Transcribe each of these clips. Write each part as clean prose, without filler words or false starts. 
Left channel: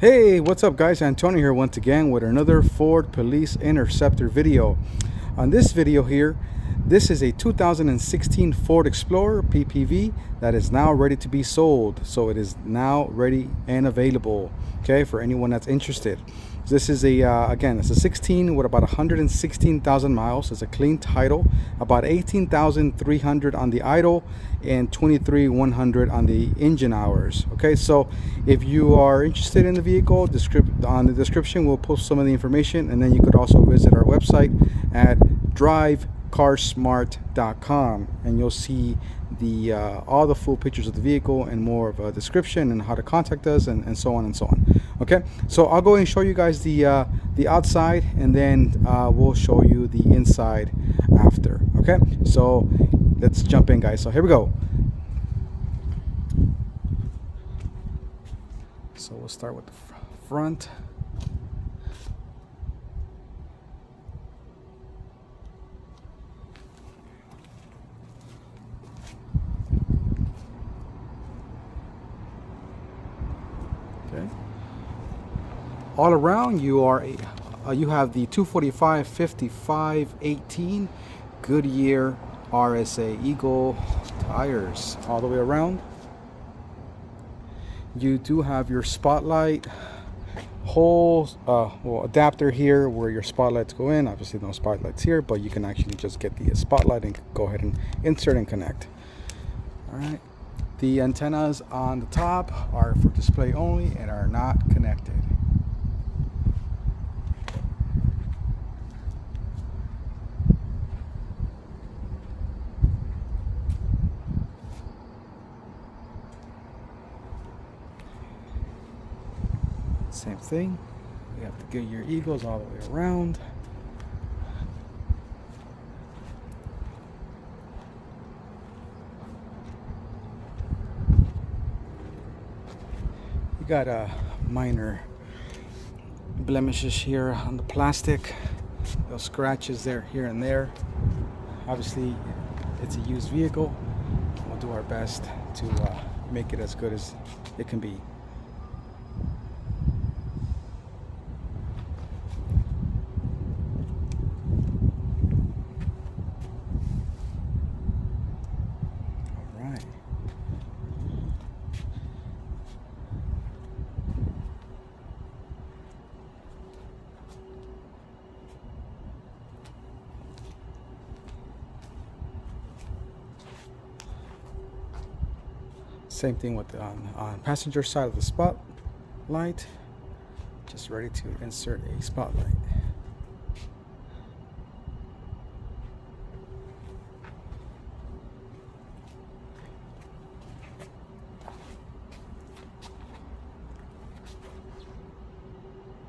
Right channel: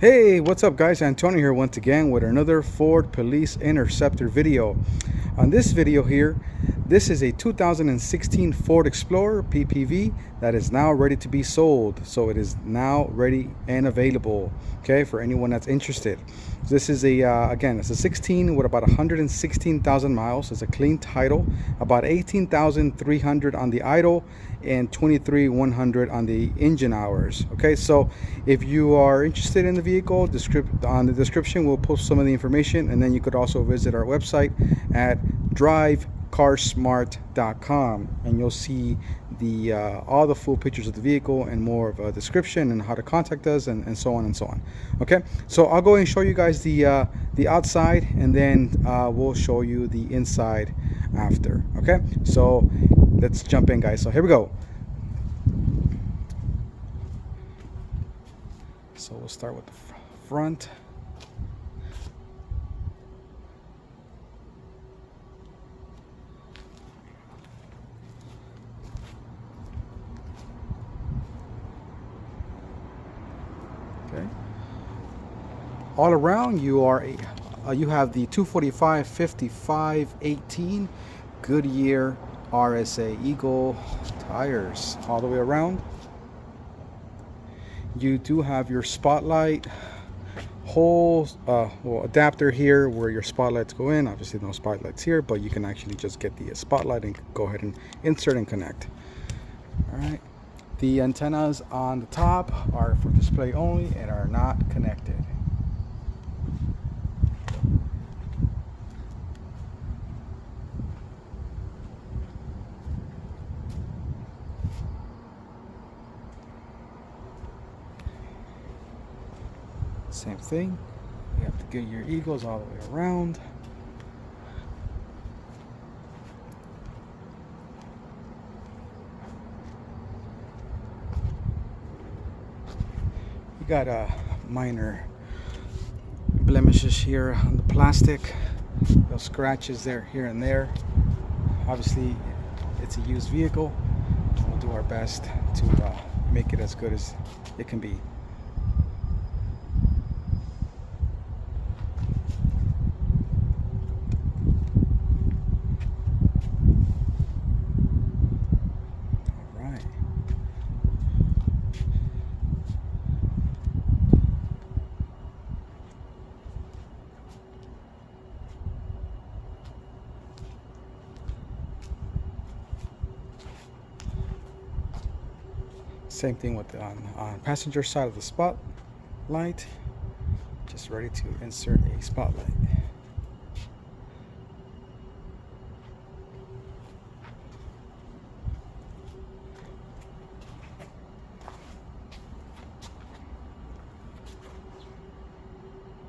Hey, what's up guys? Antonio here once again with another Ford Police Interceptor video. On this video here, this is a 2016 Ford Explorer PPV that is now ready to be sold. So it is now ready and available, okay, for anyone that's interested. This is again, it's a 16 with about 116,000 miles. It's a clean title, about 18,300 on the idle and 23,100 on the engine hours. Okay, so if you are interested in the vehicle, on the description we'll post some of the information, and then you could also visit our website at drivecarsmart.com, and you'll see the all the full pictures of the vehicle and more of a description and how to contact us and so on and so on. Okay, so I'll go and show you guys the outside, and then we'll show you the inside after. Okay, so let's jump in guys. So here we go. So we'll start with the front. Okay. All around you are you have the 245/55/18 Goodyear RSA Eagle tires all the way around. You do have your spotlight hole, adapter here where your spotlights go in. Obviously no spotlights here, but you can actually just get the spotlight and go ahead and insert and connect. All right. The antennas on the top are for display only and are not connected. Same thing. You have to get your Eagles all the way around. You got minor blemishes here on the plastic. Those scratches there, here and there. Obviously, it's a used vehicle. We'll do our best to make it as good as it can be. Same thing with on passenger side of the spotlight. Just ready to insert a spotlight.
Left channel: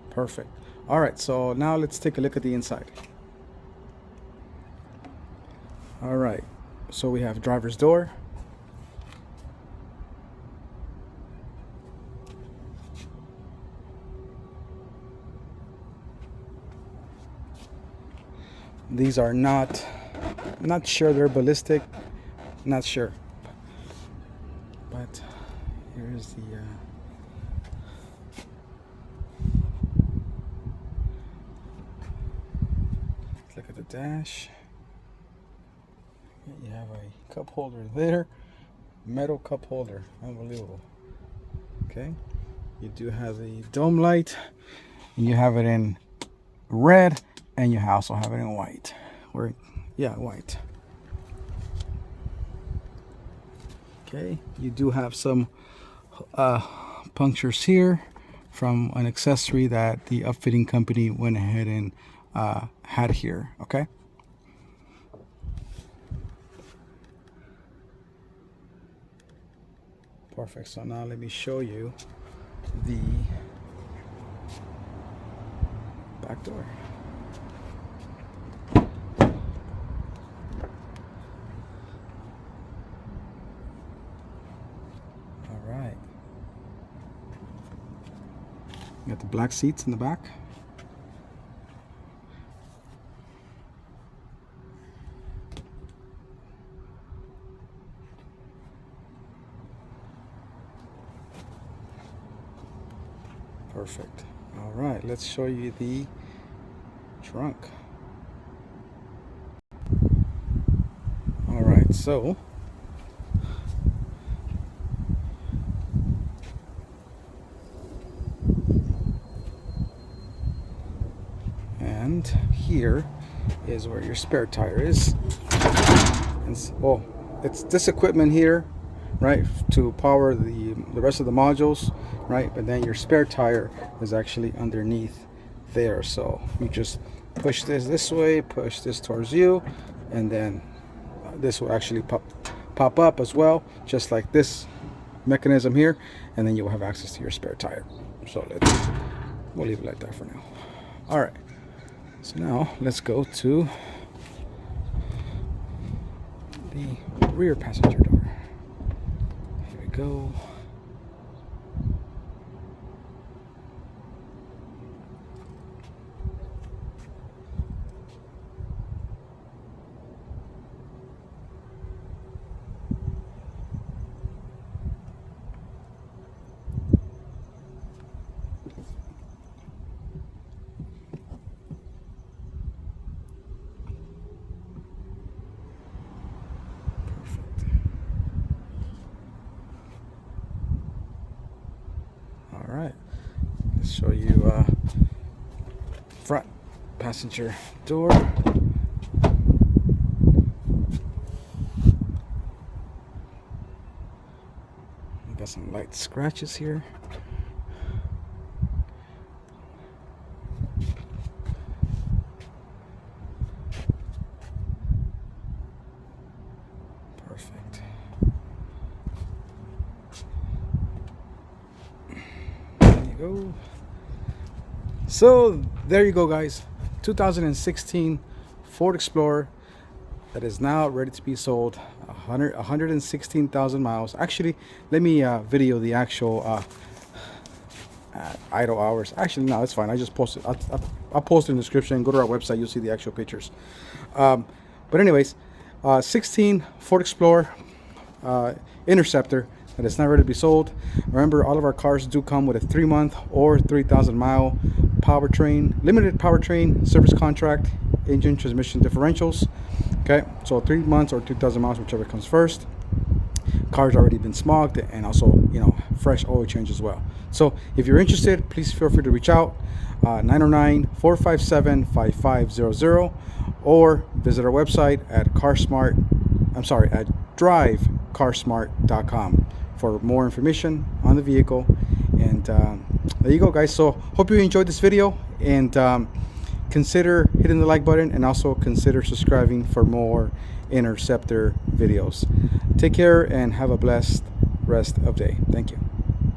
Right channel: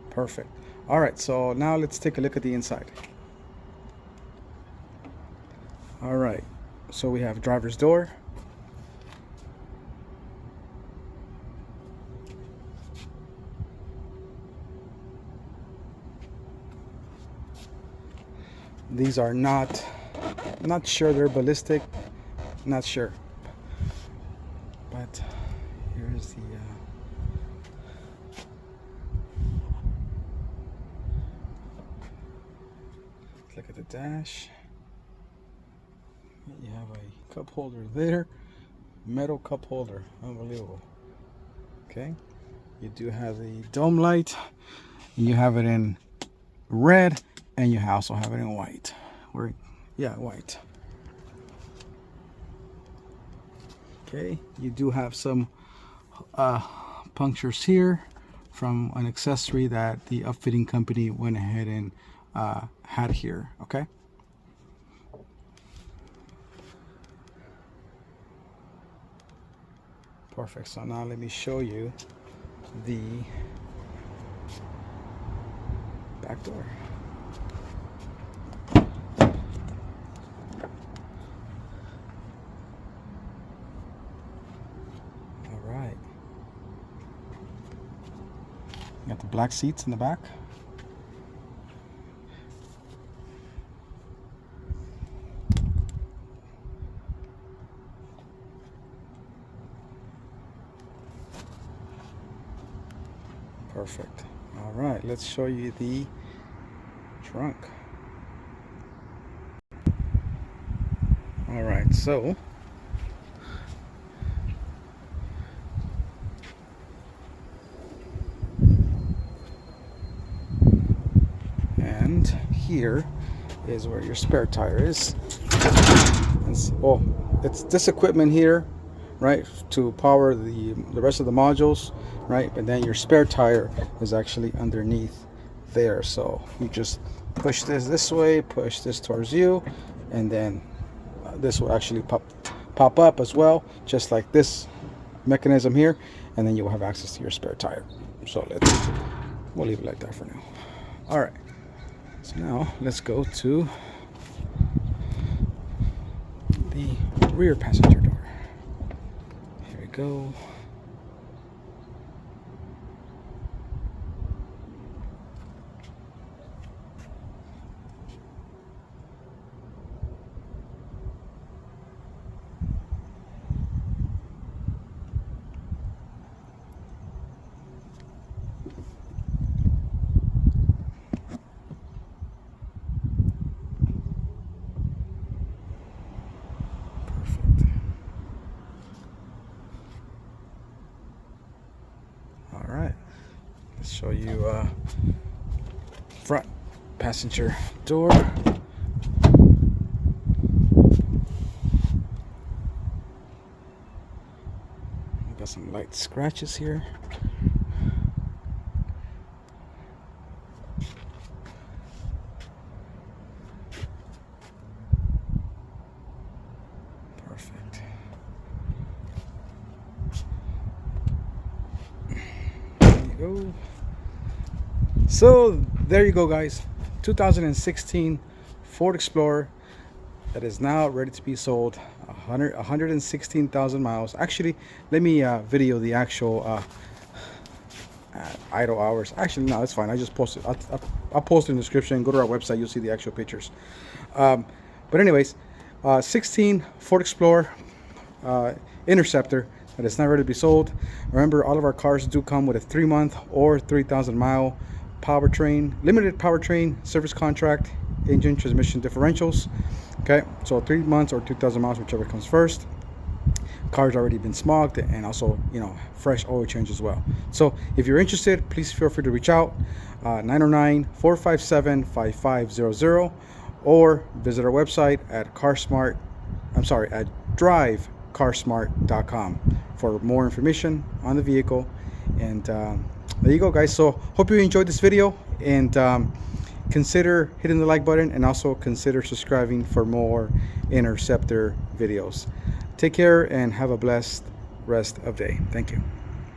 Perfect. All right, so now let's take a look at the inside. All right, so we have driver's door. These are not sure they're ballistic, not sure, but here's the let's look at the dash. You have a cup holder there, metal cup holder, unbelievable. Okay, you do have the dome light, and you have it in red, and you also have it in white. White. Okay, you do have some punctures here from an accessory that the upfitting company went ahead and had here. Okay. Perfect. So now let me show you the back door. All right. You got the black seats in the back. Perfect. All right, let's show you the trunk. All right, so and here is where your spare tire is. And it's this equipment here, right, to power the rest of the modules, right? But then your spare tire is actually underneath there. So you just push this way, push this towards you, and then this will actually pop up as well, just like this mechanism here, and then you will have access to your spare tire. So we'll leave it like that for now. All right, so now let's go to the rear passenger door. Here we go. All right, let's show you front passenger door. We got some light scratches here. Perfect. Go. So there you go, guys. 2016 Ford Explorer that is now ready to be sold. 116,000 miles. Actually, let me video the actual idle hours. Actually, no, it's fine. I just posted. I'll post it in the description. Go to our website. You'll see the actual pictures. But anyways, 16 Ford Explorer Interceptor that is not ready to be sold. Remember, all of our cars do come with a 3-month or 3,000-mile powertrain, limited powertrain service contract, engine, transmission differentials. Okay, so 3 months or 2,000 miles, whichever comes first. Car's already been smogged, and also, you know, fresh oil change as well. So if you're interested, please feel free to reach out, 909-457-5500, or visit our website at drivecarsmart.com for more information on the vehicle. And there you go, guys. So hope you enjoyed this video, and consider hitting the like button, and also consider subscribing for more Interceptor videos. Take care and have a blessed rest of day. Thank you.